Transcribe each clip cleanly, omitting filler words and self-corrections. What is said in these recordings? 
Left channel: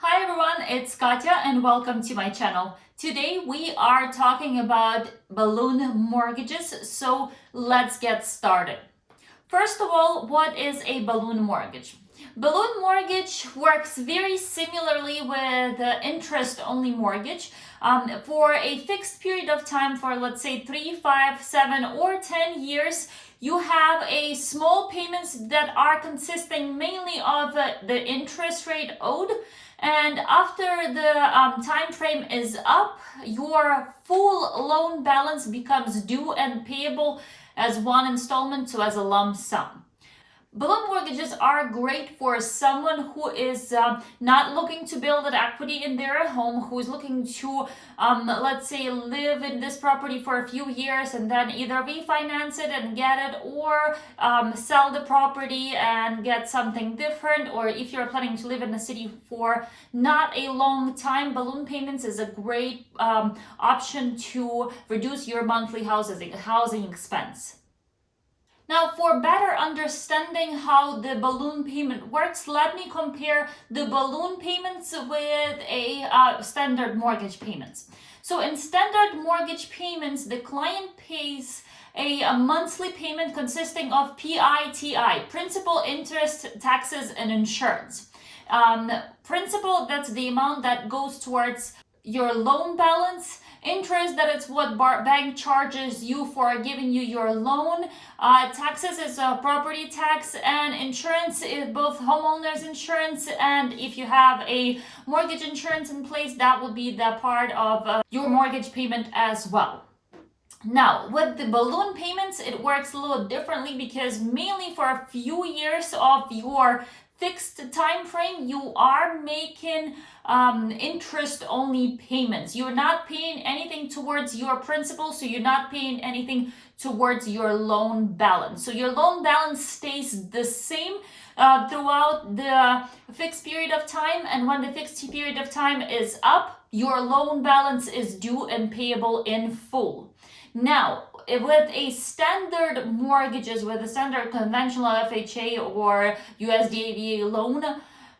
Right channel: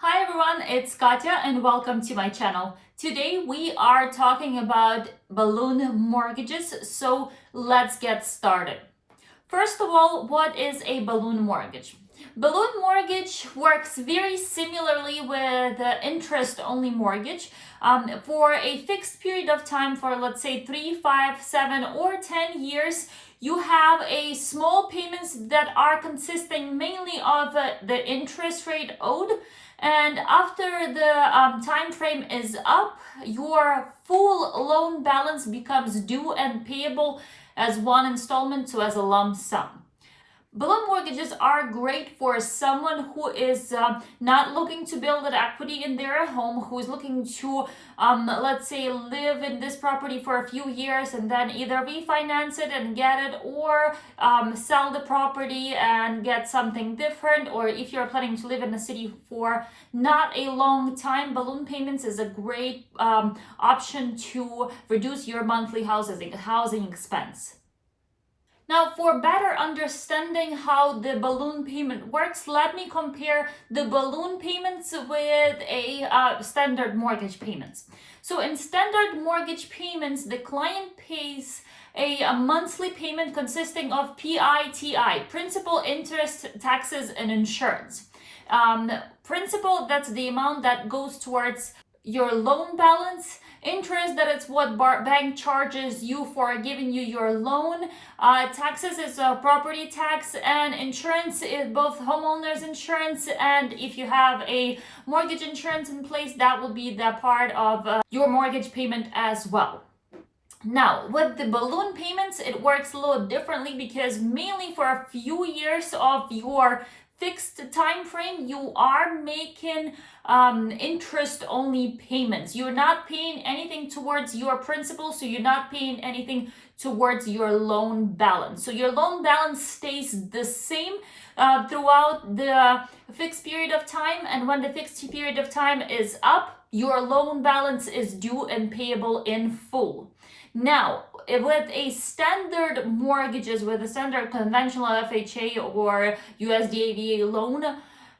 Hi everyone, it's Katya and welcome to my channel. Today we are talking about balloon mortgages, so let's get started. First of all, what is a balloon mortgage? Balloon mortgage works very similarly with interest-only mortgage. For a fixed period of time, for let's say 3, 5, 7, or 10 years, you have a small payments that are consisting mainly of the interest rate owed. And after the time frame is up, your full loan balance becomes due and payable as one installment, so as a lump sum. Balloon mortgages are great for someone who is not looking to build an equity in their home, who is looking to, let's say, live in this property for a few years and then either refinance it and get it, or sell the property and get something different. Or if you're planning to live in the city for not a long time, balloon payments is a great option to reduce your monthly housing expense. Now, for better understanding how the balloon payment works, let me compare the balloon payments with a standard mortgage payments. So in standard mortgage payments, the client pays a monthly payment consisting of PITI, principal, interest, taxes, and insurance. Principal, that's the amount that goes towards your loan balance. Interest, that is what bank charges you for giving you your loan. Taxes is property tax, and insurance is both homeowners insurance, and if you have a mortgage insurance in place, that will be the part of your mortgage payment as well. Now, with the balloon payments, it works a little differently because mainly for a few years of your fixed time frame, you are making interest only payments. You're not paying anything towards your principal, so you're not paying anything towards your loan balance. So your loan balance stays the same throughout the fixed period of time, and when the fixed period of time is up, your loan balance is due and payable in full. Now, with a standard mortgages, with a standard conventional FHA or USDA loan,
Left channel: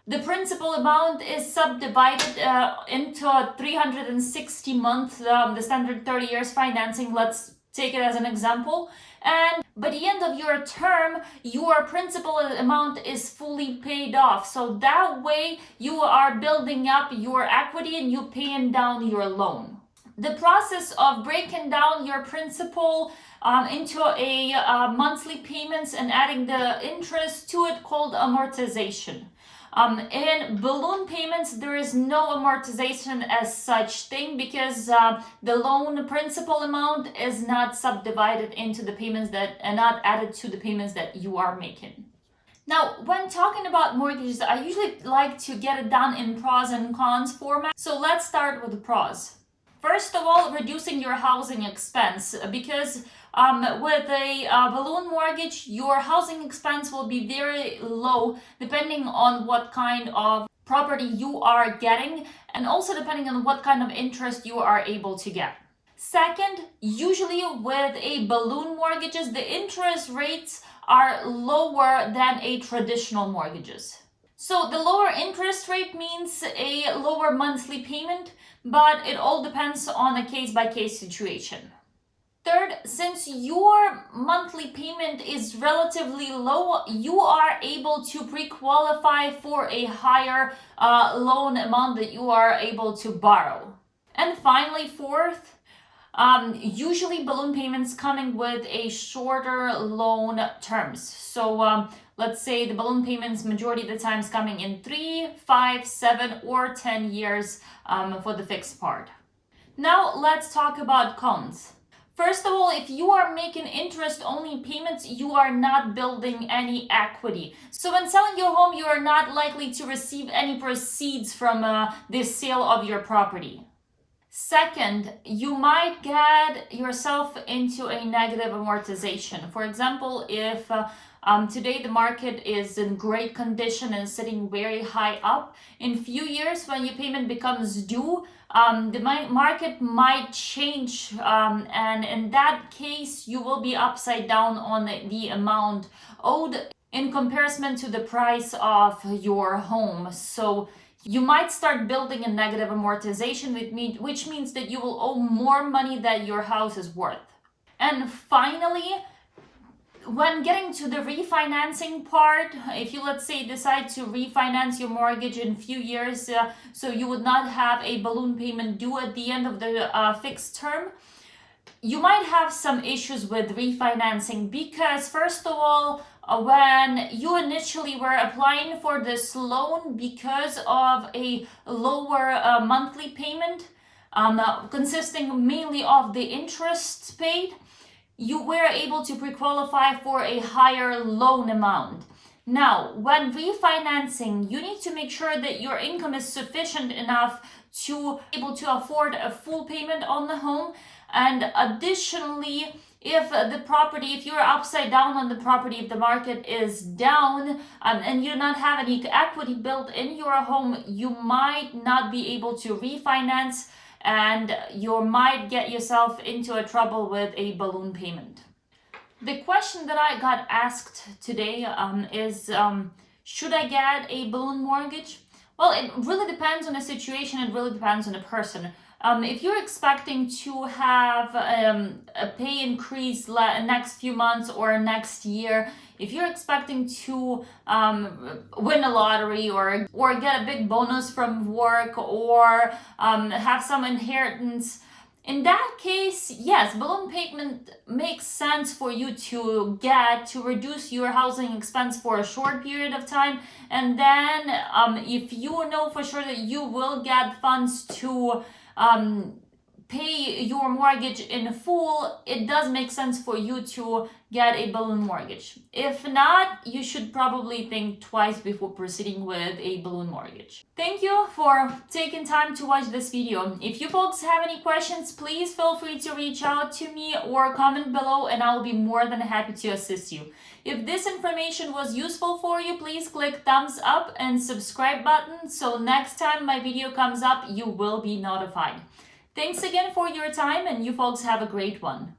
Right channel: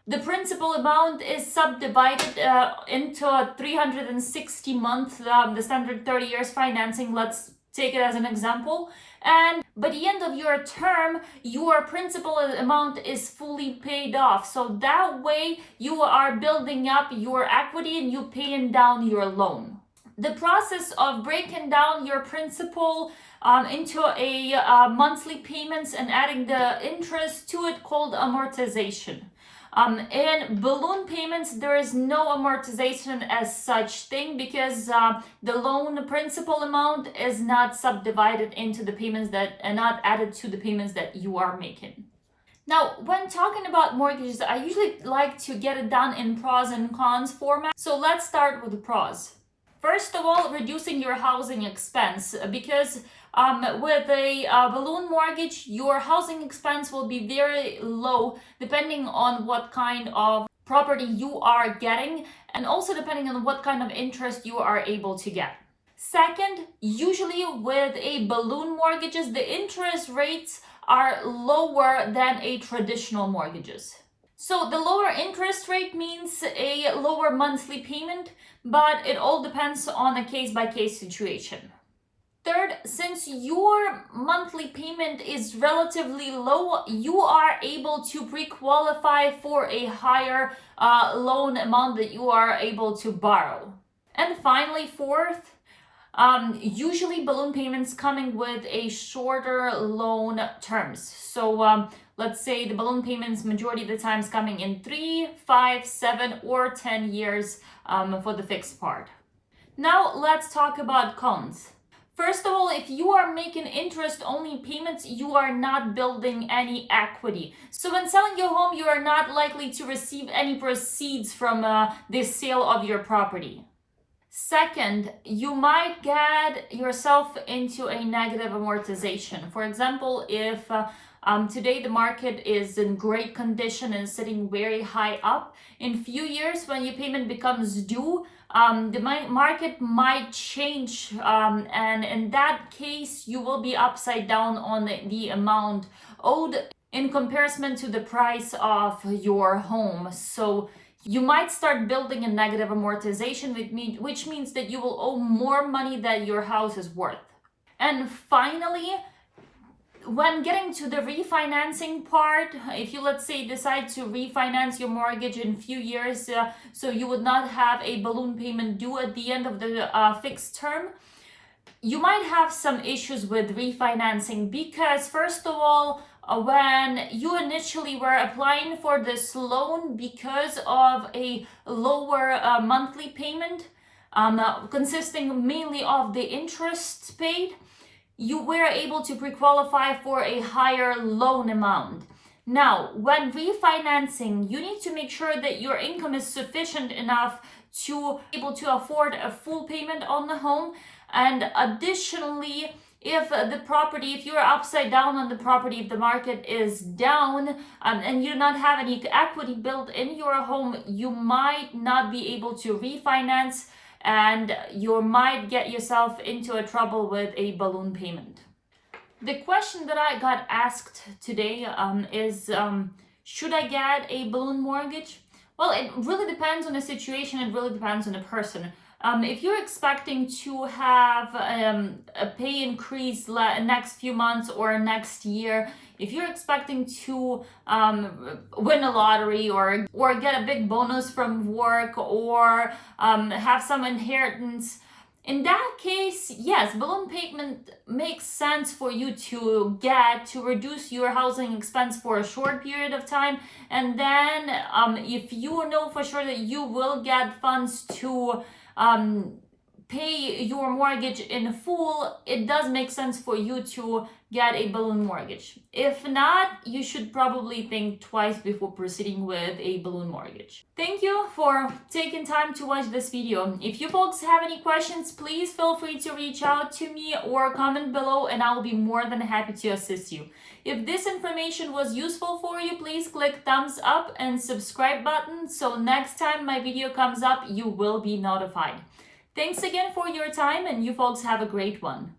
the principal amount is subdivided into 360 months, the standard 30 years financing, let's take it as an example. And by the end of your term, your principal amount is fully paid off. So that way you are building up your equity and you paying down your loan. The process of breaking down your principal into a monthly payments and adding the interest to it called amortization. In balloon payments, there is no amortization as such thing because the loan principal amount is not subdivided into the payments that are not added to the payments that you are making. Now, when talking about mortgages, I usually like to get it done in pros and cons format. So let's start with the pros. First of all, reducing your housing expense, because with a balloon mortgage, your housing expense will be very low depending on what kind of property you are getting, and also depending on what kind of interest you are able to get. Second, usually with a balloon mortgages, the interest rates are lower than a traditional mortgages. So the lower interest rate means a lower monthly payment, but it all depends on a case-by-case situation. Third, since your monthly payment is relatively low, you are able to pre-qualify for a higher loan amount that you are able to borrow. And finally, fourth, usually balloon payments coming with a shorter loan terms. So let's say the balloon payments majority of the times coming in 3, 5, 7, or 10 years for the fixed part. Now let's talk about cons. First of all, if you are making interest-only payments, you are not building any equity. So when selling your home, you are not likely to receive any proceeds from the sale of your property. Second, you might get yourself into a negative amortization. For example, if today the market is in great condition and sitting very high up, in few years when your payment becomes due, the market might change, and in that case you will be upside down on the amount owed in comparison to the price of your home. So You might start building a negative amortization, which means that you will owe more money than your house is worth. And finally, when getting to the refinancing part, if you, let's say, decide to refinance your mortgage in a few years, so you would not have a balloon payment due at the end of the fixed term, you might have some issues with refinancing because, first of all, when you initially were applying for this loan, because of a lower monthly payment, consisting mainly of the interest paid, you were able to pre-qualify for a higher loan amount. Now, when refinancing, you need to make sure that your income is sufficient enough to be able to afford a full payment on the home. And additionally, if you're upside down on the property, if the market is down, and you do not have any equity built in your home, you might not be able to refinance, and you might get yourself into a trouble with a balloon payment. The question that I got asked today is, should I get a balloon mortgage? Well, it really depends on the situation. It really depends on the person. If you're expecting to have a pay increase next few months or next year, if you're expecting to win a lottery or get a big bonus from work or have some inheritance, in that case, yes, balloon payment makes sense for you to get to reduce your housing expense for a short period of time. And then if you know for sure that you will get funds to pay your mortgage in full, it does make sense for you to get a balloon mortgage. If not, you should probably think twice before proceeding with a balloon mortgage. Thank you for taking time to watch this video. If you folks have any questions, please feel free to reach out to me or comment below, and I will be more than happy to assist you. If this information was useful for you, please click thumbs up and subscribe button so next time my video comes up, you will be notified. Thanks again for your time, and you folks have a great one.